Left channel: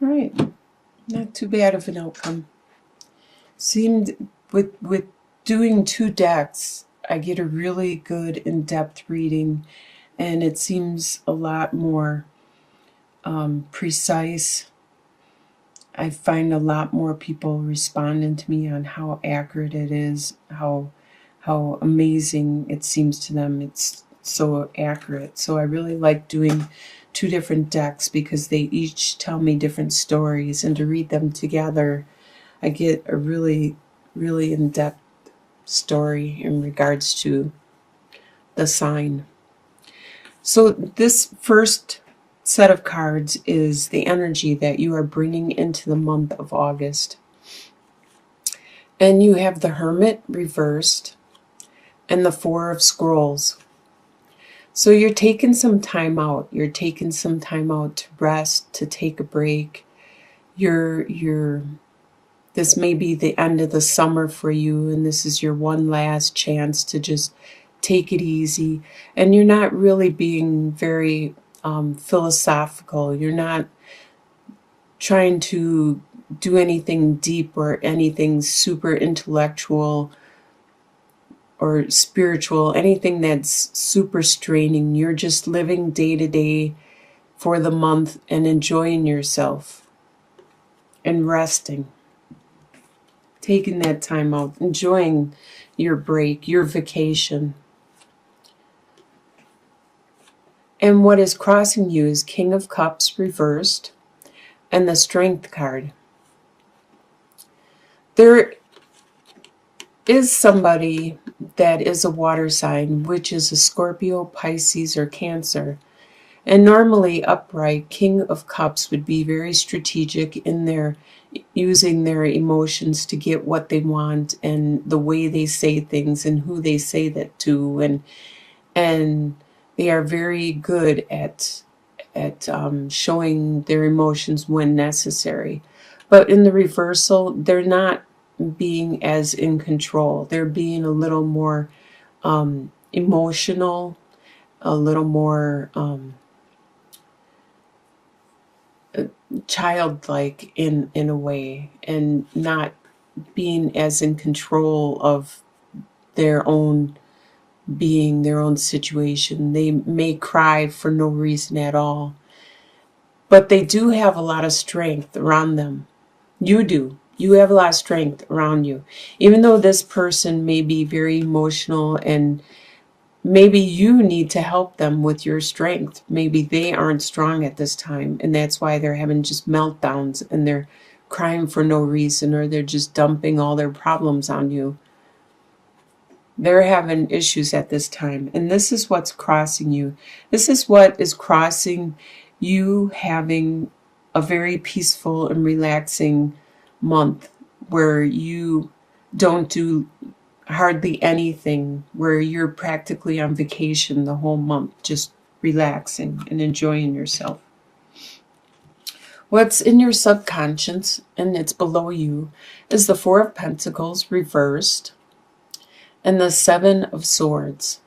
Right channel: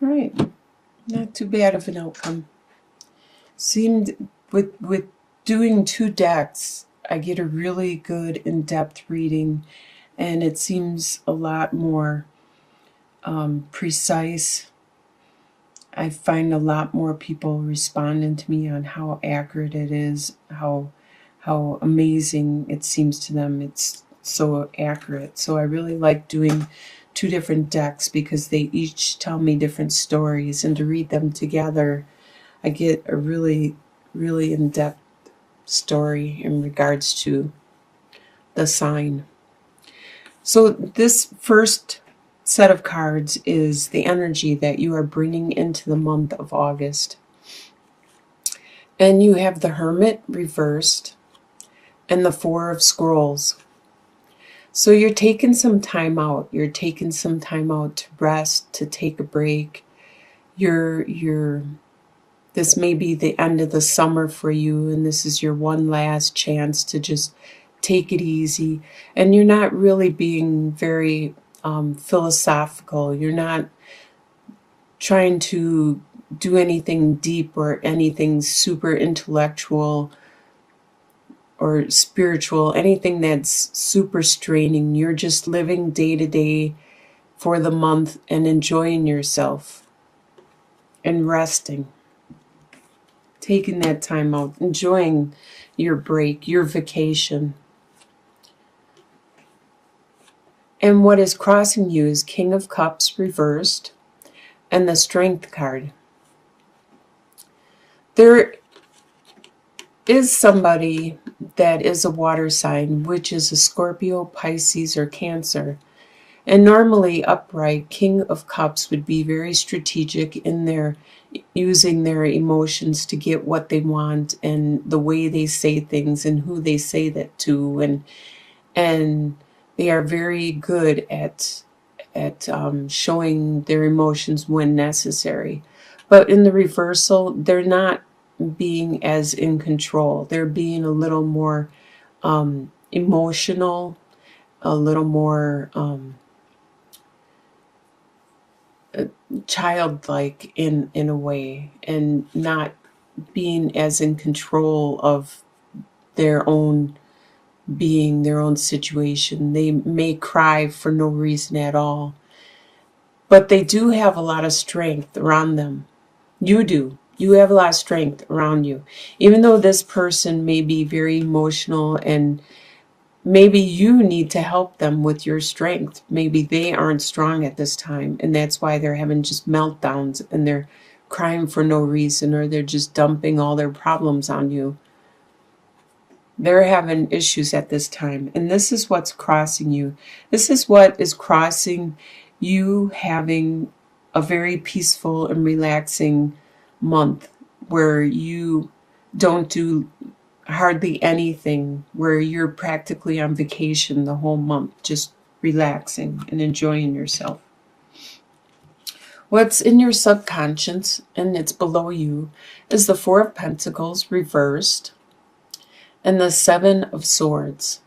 Right. Not too bad of an outcome. Seemed with doing two decks, I get a really good in-depth reading, and it seems a lot more precise. I find a lot more people responding to me on how accurate it is, how amazing it seems to them. It's so accurate. So I really like doing two different decks because they each tell me different stories, and to read them together, I get a really, really in-depth story in regards to the sign. So this first set of cards is the energy that you are bringing into the month of August. And you have the Hermit reversed and the Four of Scrolls. So you're taking some time out. You're taking some time out to rest, to take a break. You're this may be the end of the summer for you, and this is your one last chance to just take it easy. And you're not really being very philosophical. You're not trying to do anything deep or anything super intellectual or spiritual, anything that's super straining. You're just living day to day for the month and enjoying yourself and resting. Taking that time out, enjoying your break, your vacation. And what is crossing you is King of Cups reversed and the Strength card. There is somebody that is a water sign, which is a Scorpio, Pisces, or Cancer. And normally upright, King of Cups would be very strategic in their using their emotions to get what they want, and the way they say things and who they say that to, and they are very good at showing their emotions when necessary. But in the reversal, they're not being as in control. They're being a little more emotional, a little more childlike in a way, and not being as in control of their own being, their own situation. They may cry for no reason at all, but they do have a lot of strength around them. You do. You have a lot of strength around you. Even though this person may be very emotional, and maybe you need to help them with your strength. Maybe they aren't strong at this time, and that's why they're having just meltdowns and they're crying for no reason, or they're just dumping all their problems on you. They're having issues at this time, and this is what's crossing you. This is what is crossing you, having a very peaceful and relaxing month where you don't do hardly anything, where you're practically on vacation the whole month, just relaxing and enjoying yourself. What's in your subconscious, and it's below you, is the Four of Pentacles reversed and the Seven of Swords.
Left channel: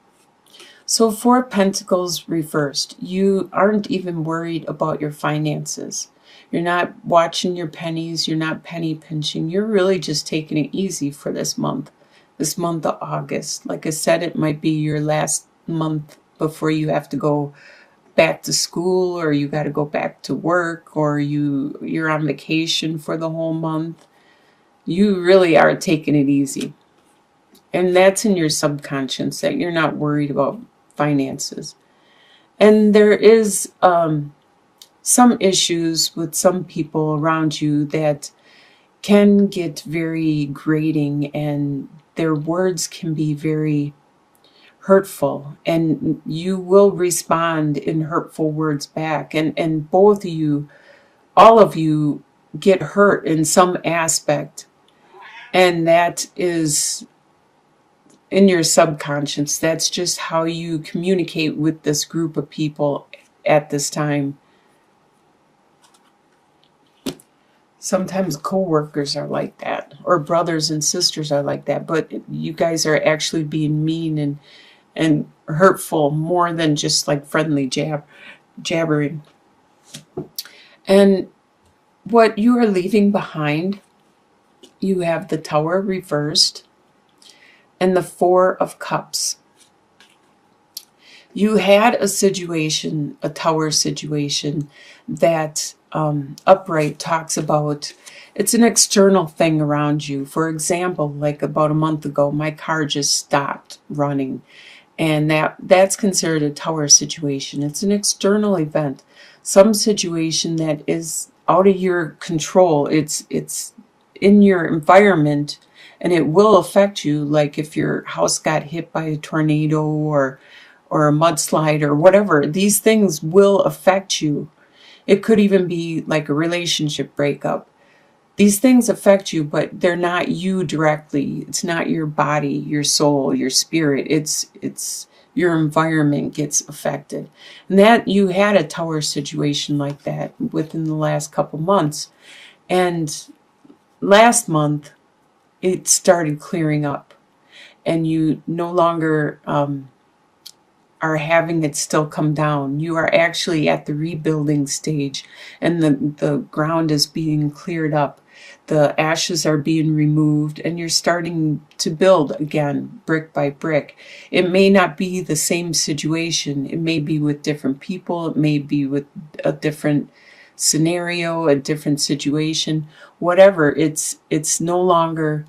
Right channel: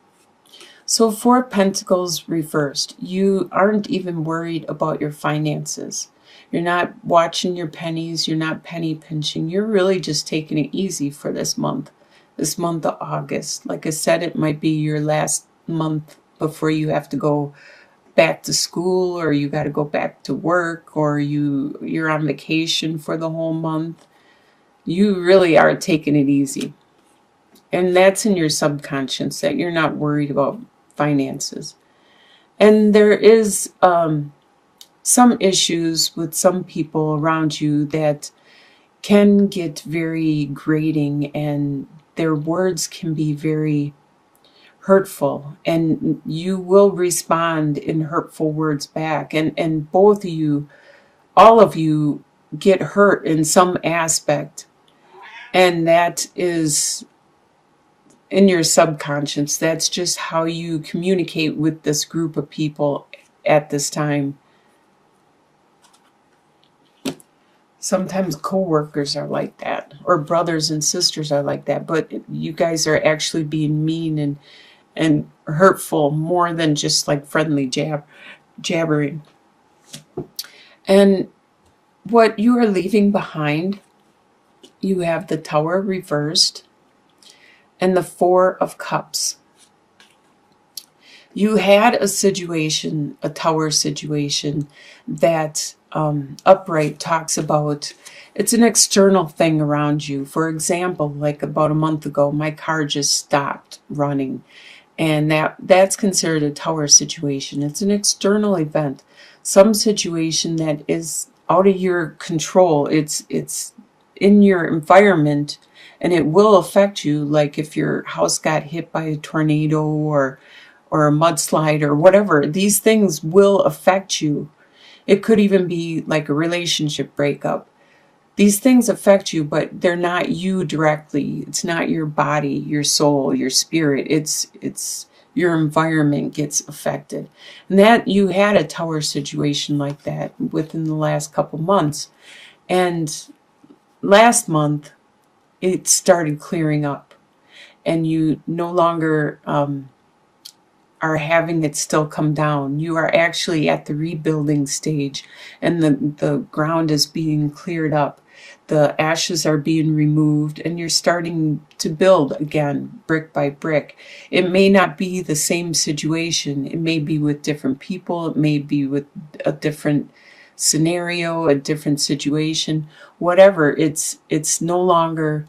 So Four Pentacles reversed. You aren't even worried about your finances. You're not watching your pennies. You're not penny pinching. You're really just taking it easy for this month of August. Like I said, it might be your last month before you have to go back to school, or you got to go back to work, or you're on vacation for the whole month. You really are taking it easy. And that's in your subconscious, that you're not worried about finances. And there is some issues with some people around you that can get very grating, and their words can be very hurtful, and you will respond in hurtful words back. And both of you, all of you, get hurt in some aspect. And that is in your subconscious. That's just how you communicate with this group of people at this time. Sometimes co-workers are like that, or brothers and sisters are like that, but you guys are actually being mean and hurtful more than just like friendly jabbering. And what you are leaving behind, you have the Tower reversed and the Four of Cups. You had a situation, a Tower situation, that Upright talks about. It's an external thing around you. For example, like about a month ago, my car just stopped running. And that's considered a Tower situation. It's an external event, some situation that is out of your control. It's in your environment, and it will affect you. Like if your house got hit by a tornado or a mudslide or whatever, these things will affect you. It could even be like a relationship breakup. These things affect you, but they're not you directly. It's not your body, your soul, your spirit. It's your environment gets affected. And that you had a Tower situation like that within the last couple months. And last month, it started clearing up. And you no longer are having it still come down. You are actually at the rebuilding stage, and the ground is being cleared up. The ashes are being removed, and you're starting to build again, brick by brick. It may not be the same situation. It may be with different people. It may be with a different scenario, a different situation. Whatever, it's no longer.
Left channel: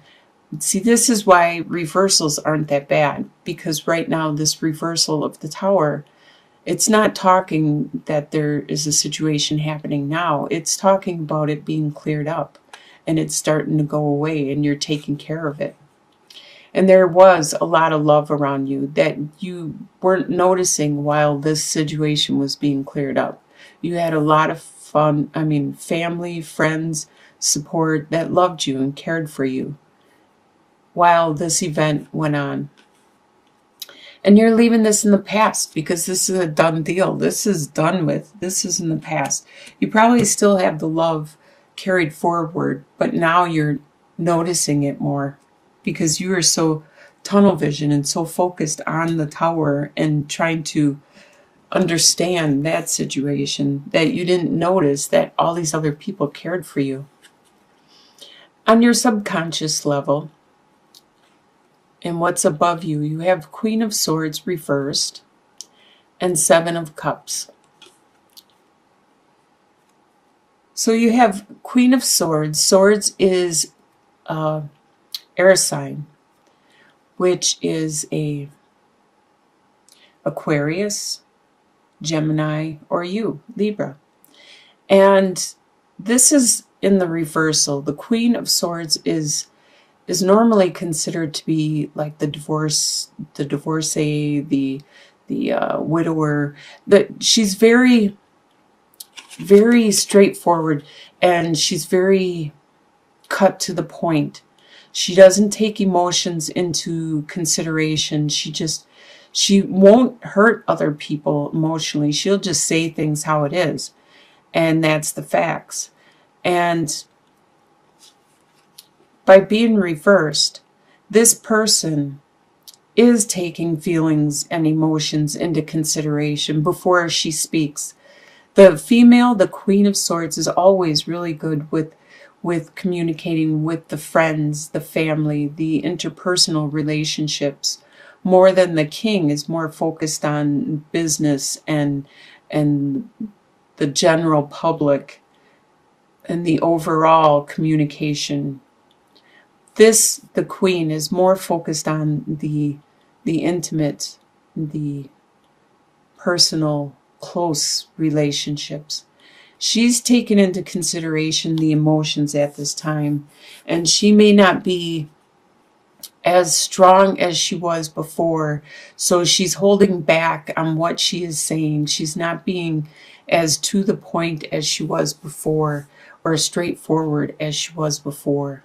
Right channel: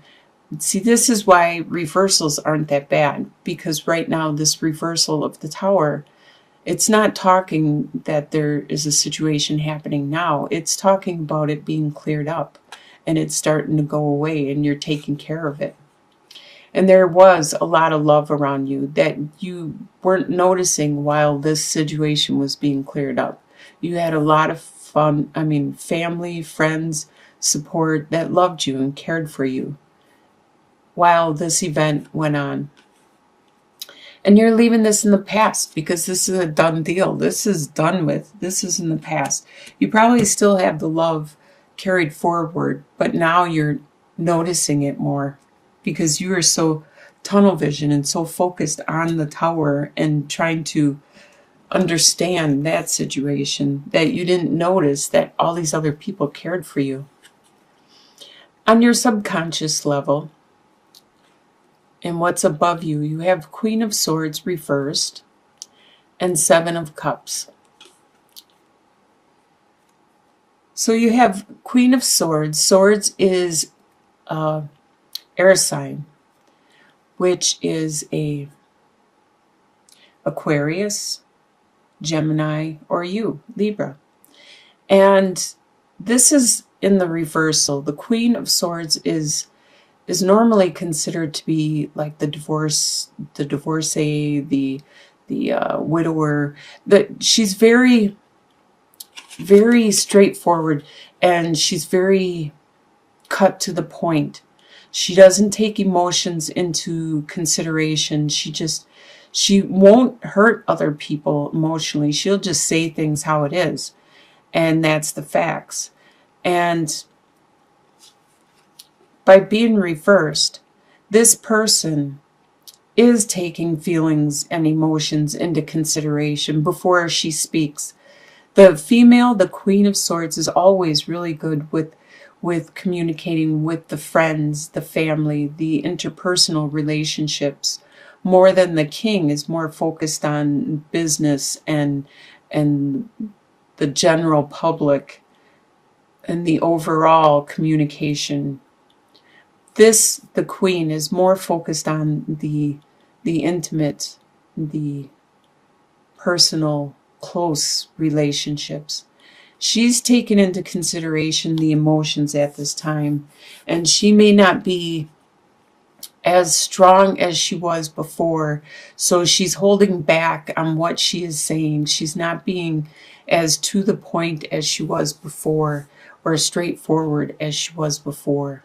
See, this is why reversals aren't that bad, because right now this reversal of the Tower, it's not talking that there is a situation happening now. It's talking about it being cleared up and it's starting to go away and you're taking care of it. And there was a lot of love around you that you weren't noticing while this situation was being cleared up. You had a lot of fun, family, friends, support that loved you and cared for you while this event went on. And you're leaving this in the past because this is a done deal. This is done with. This is in the past. You probably still have the love carried forward, but now you're noticing it more because you are so tunnel vision and so focused on the Tower and trying to understand that situation that you didn't notice that all these other people cared for you. On your subconscious level, and what's above you, you have Queen of Swords reversed and Seven of Cups. So you have Queen of Swords. Swords is air sign, which is a Aquarius, Gemini, or you, Libra. And this is in the reversal. The Queen of Swords is normally considered to be like the divorcee, the widower. But she's very, very straightforward, and she's very cut to the point. She doesn't take emotions into consideration. She won't hurt other people emotionally. She'll just say things how it is, and that's the facts. And by being reversed, this person is taking feelings and emotions into consideration before she speaks. The female, the Queen of Swords, is always really good with communicating with the friends, the family, the interpersonal relationships. More than the King is more focused on business and the general public and the overall communication. The Queen is more focused on the intimate, the personal, close relationships. She's taken into consideration the emotions at this time, and she may not be as strong as she was before, so she's holding back on what she is saying. She's not being as to the point as she was before, or straightforward as she was before.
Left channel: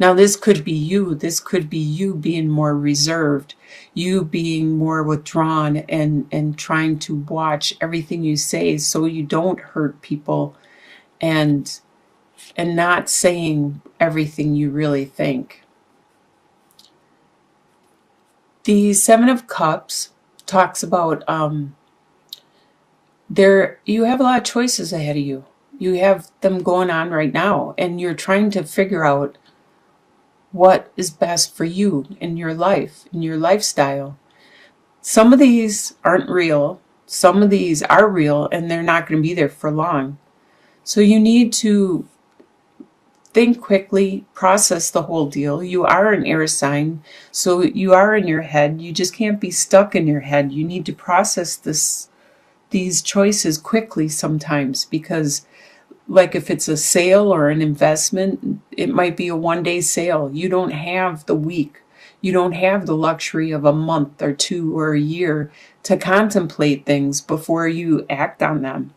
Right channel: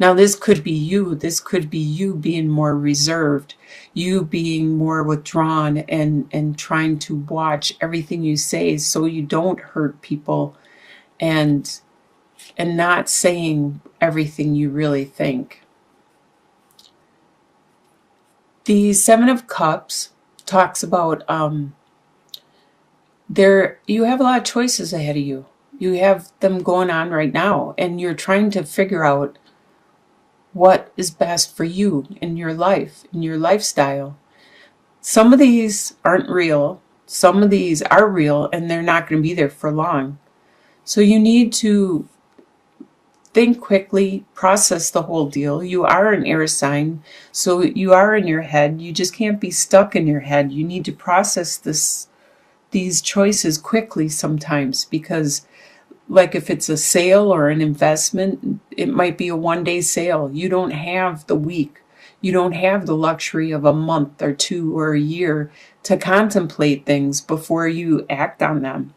Now, this could be you. This could be you being more reserved, you being more withdrawn and trying to watch everything you say so you don't hurt people and not saying everything you really think. The Seven of Cups talks about you have a lot of choices ahead of you. You have them going on right now, and you're trying to figure out what is best for you in your life, in your lifestyle. Some of these aren't real. Some of these are real, and they're not going to be there for long. So you need to think quickly, process the whole deal. You are an air sign, so you are in your head. You just can't be stuck in your head. You need to process these choices quickly sometimes, because like if it's a sale or an investment, it might be a 1 day sale. You don't have the week. You don't have the luxury of a month or two or a year to contemplate things before you act on them.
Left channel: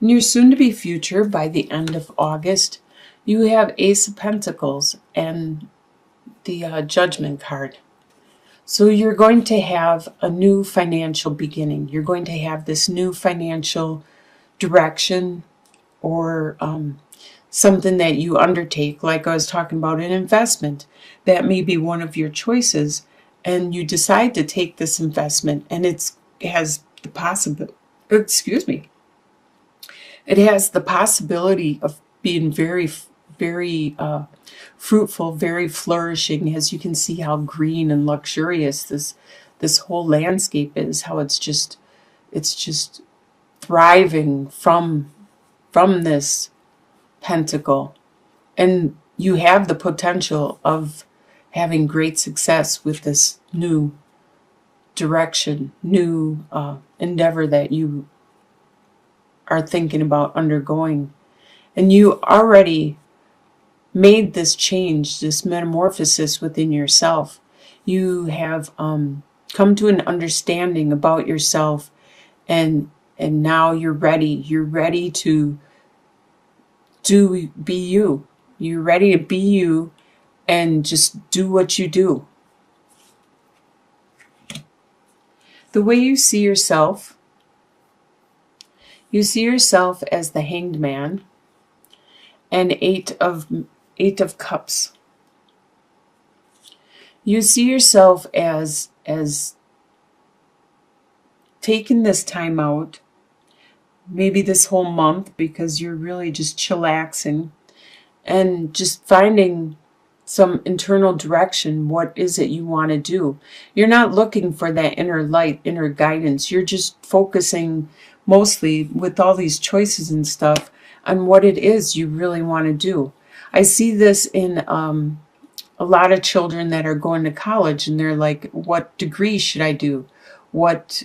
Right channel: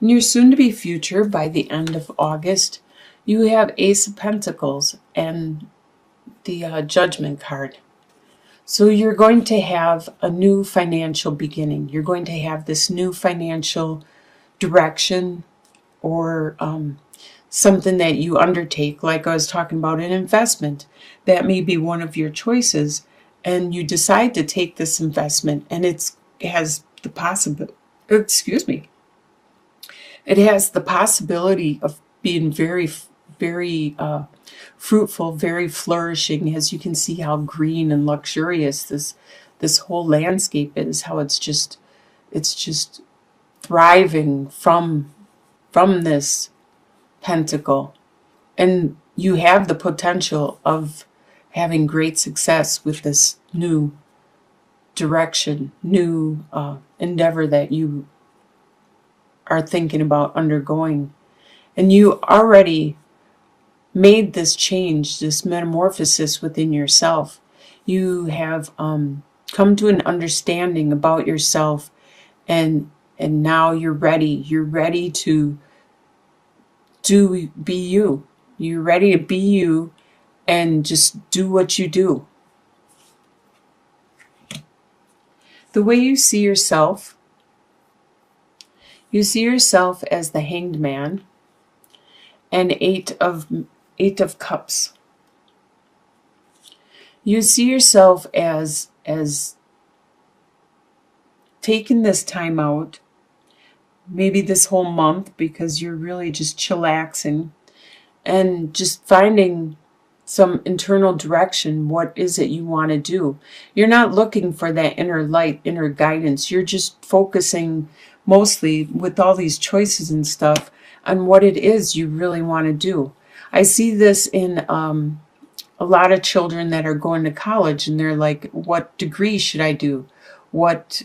In your soon-to-be future, by the end of August, you have Ace of Pentacles and the Judgment card. So you're going to have a new financial beginning. You're going to have this new financial direction, or something that you undertake, like I was talking about an investment. That may be one of your choices, and you decide to take this investment, and it has the possibility, it has the possibility of being very, very fruitful, very flourishing, as you can see how green and luxurious this whole landscape is, how it's just thriving from this pentacle. And you have the potential of having great success with this new direction, new endeavor that you are thinking about undergoing. And you already made this change, this metamorphosis within yourself. You have come to an understanding about yourself, and now you're ready. You're ready to be you. You're ready to be you and just do what you do. The way you see yourself as the Hanged Man and Eight of Cups. You see yourself as taking this time out, maybe this whole month, because you're really just chillaxing and just finding some internal direction. What is it you want to do? You're not looking for that inner light, inner guidance. You're just focusing mostly, with all these choices and stuff, on what it is you really want to do. I see this in a lot of children that are going to college, and they're like, what degree should I do? What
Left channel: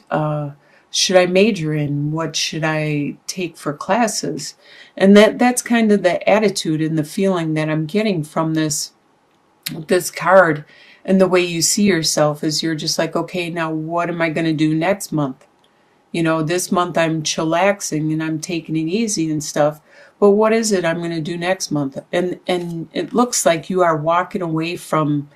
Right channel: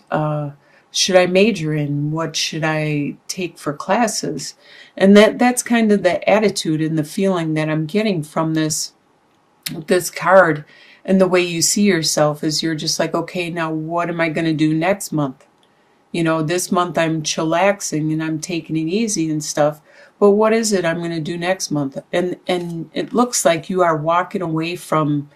should I major in? What should I take for classes? And that's kind of the attitude and the feeling that I'm getting from this card. And the way you see yourself is, you're just like, okay, now what am I going to do next month? This month I'm chillaxing and I'm taking it easy and stuff. But what is it I'm going to do next month? And it looks like you are walking away from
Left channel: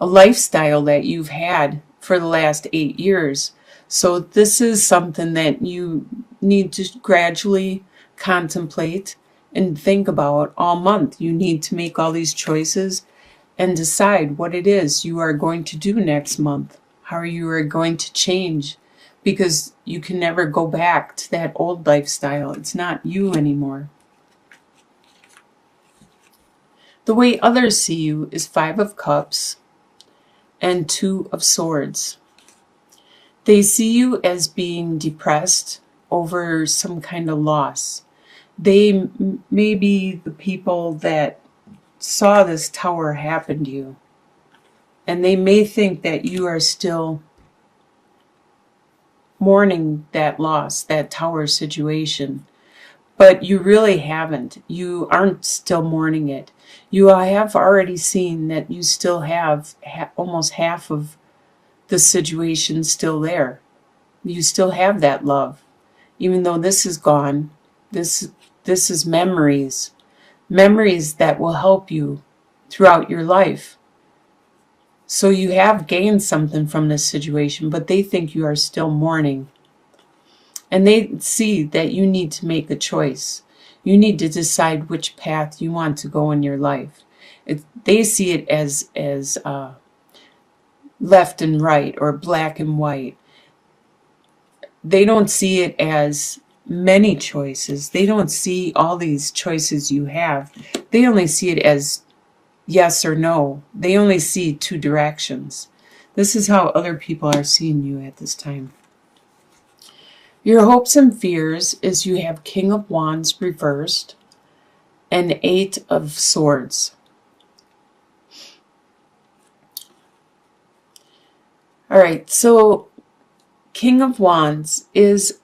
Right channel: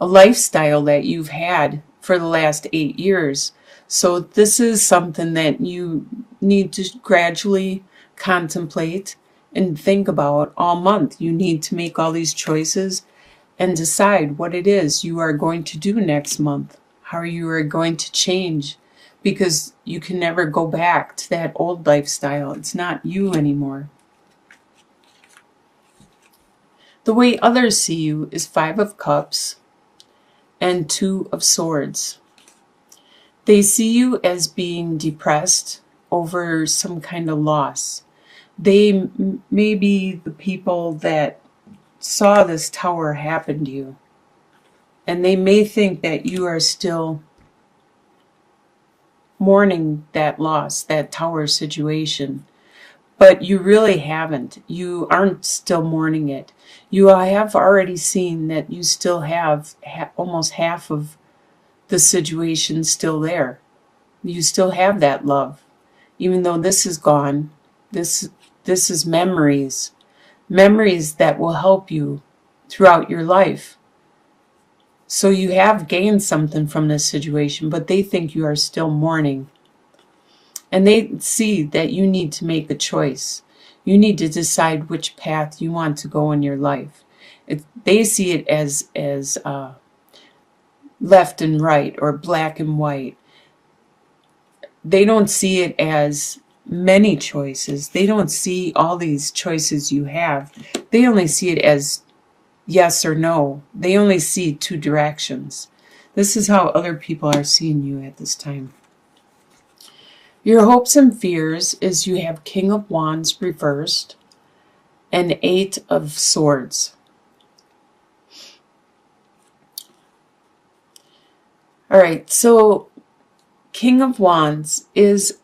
a lifestyle that you've had for the last 8 years. So this is something that you need to gradually contemplate and think about all month. You need to make all these choices and decide what it is you are going to do next month, how you are going to change, because you can never go back to that old lifestyle. It's not you anymore. The way others see you is 5 of Cups and 2 of Swords. They see you as being depressed over some kind of loss. They may be the people that saw this tower happen to you, and they may think that you are still mourning that loss, that tower situation. But you really haven't. You aren't still mourning it. You have already seen that you still have almost half of the situation still there. You still have that love. Even though this is gone, this is memories. Memories that will help you throughout your life. So you have gained something from this situation, but they think you are still mourning. And they see that you need to make a choice. You need to decide which path you want to go in your life. They see it as left and right, or black and white. They don't see it as many choices. They don't see all these choices you have. They only see it as yes or no. They only see two directions. This is how other people are seeing you at this time. Your hopes and fears is you have King of Wands reversed and Eight of Swords. All right, so King of Wands is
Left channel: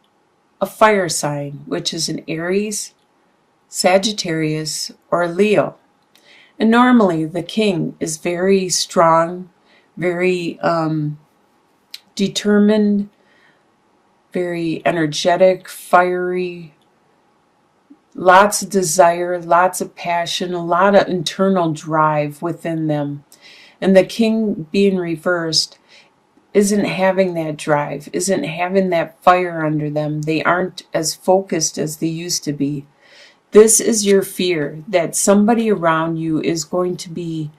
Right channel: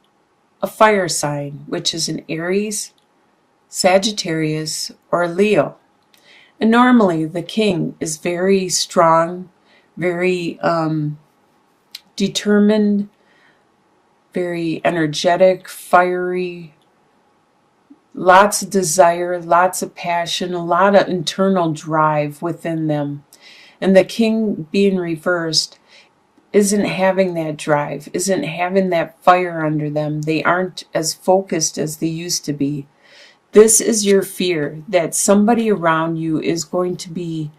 a fire sign, which is an Aries, Sagittarius, or Leo. And normally the king is very strong, very determined, very energetic, fiery, lots of desire, lots of passion, a lot of internal drive within them. And the king being reversed isn't having that drive, isn't having that fire under them. They aren't as focused as they used to be. This is your fear that somebody around you is going to be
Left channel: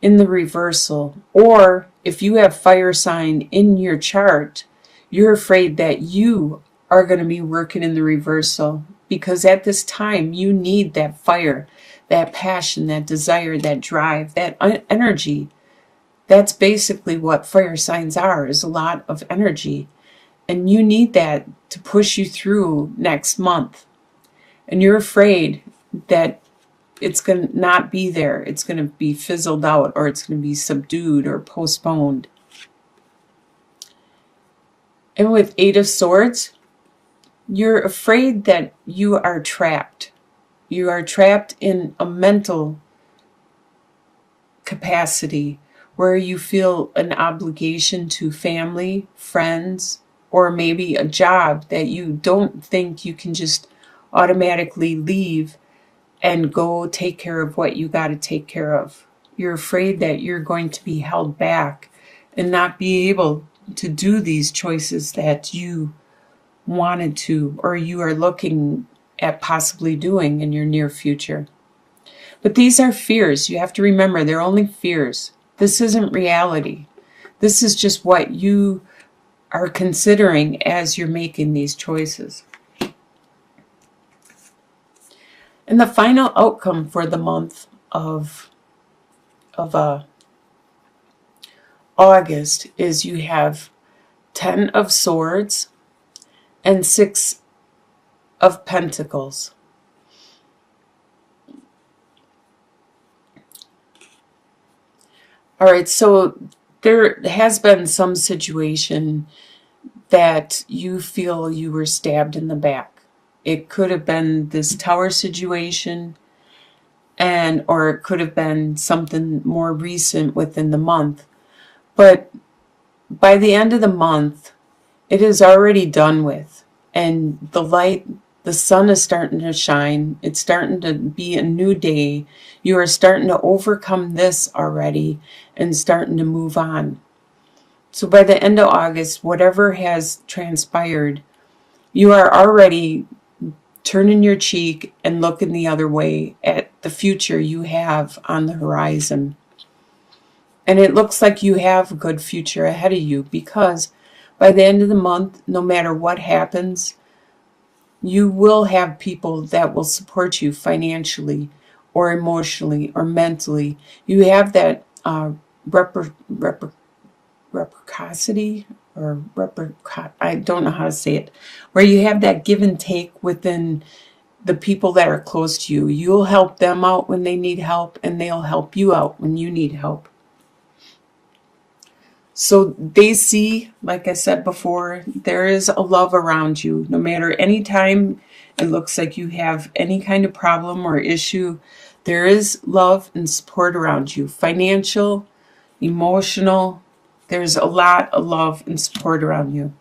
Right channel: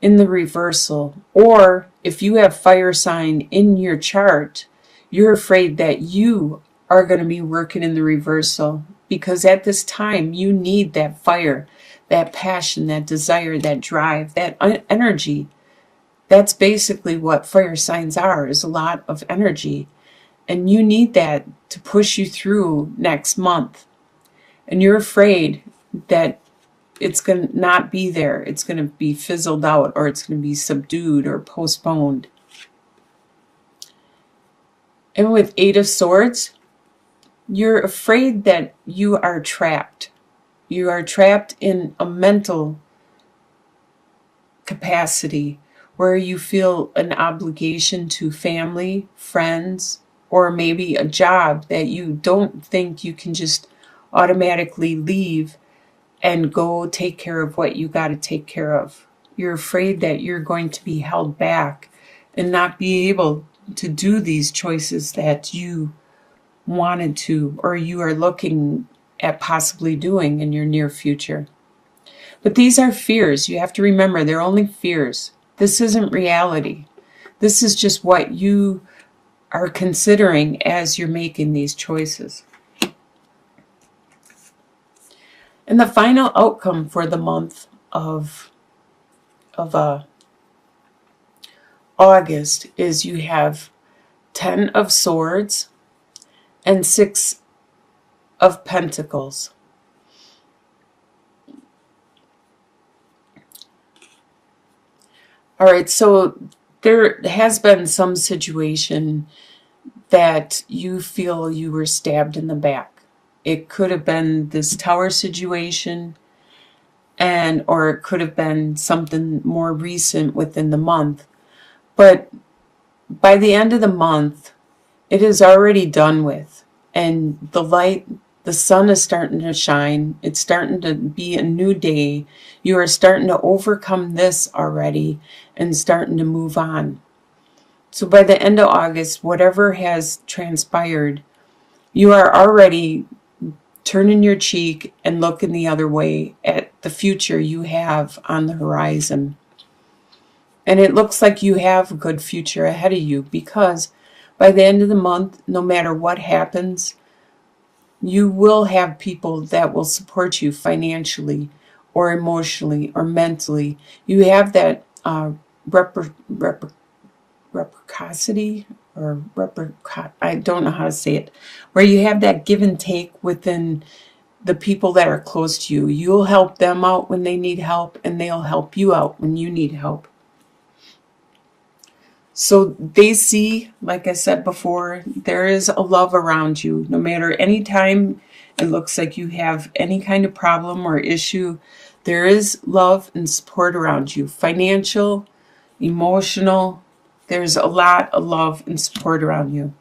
in the reversal. Or if you have fire sign in your chart, you're afraid that you are going to be working in the reversal, because at this time you need that fire, that passion, that desire, that drive, that energy. That's basically what fire signs are, is a lot of energy. And you need that to push you through next month. And you're afraid that it's going to not be there. It's going to be fizzled out, or it's going to be subdued or postponed. And with Eight of Swords, you're afraid that you are trapped. You are trapped in a mental capacity where you feel an obligation to family, friends, or maybe a job that you don't think you can just automatically leave and go take care of what you got to take care of. You're afraid that you're going to be held back and not be able to do these choices that you wanted to, or you are looking at possibly doing in your near future. But these are fears. You have to remember, they're only fears. This isn't reality. This is just what you are considering as you're making these choices. And the final outcome for the month of August is you have 10 of Swords and 6 of Pentacles. All right, so there has been some situation that you feel you were stabbed in the back. It could have been this tower situation, or it could have been something more recent within the month. But by the end of the month, it is already done with. And the light, the sun is starting to shine. It's starting to be a new day. You are starting to overcome this already and starting to move on. So by the end of August, whatever has transpired, you are already turning your cheek and looking the other way at the future you have on the horizon. And it looks like you have a good future ahead of you, because by the end of the month, no matter what happens, you will have people that will support you financially or emotionally or mentally. You have that reciprocity, I don't know how to say it, where you have that give and take within the people that are close to you. You'll help them out when they need help, and they'll help you out when you need help. So they see, like I said before, there is a love around you. No matter any time it looks like you have any kind of problem or issue, there is love and support around you. Financial, emotional, there's a lot of love and support around you.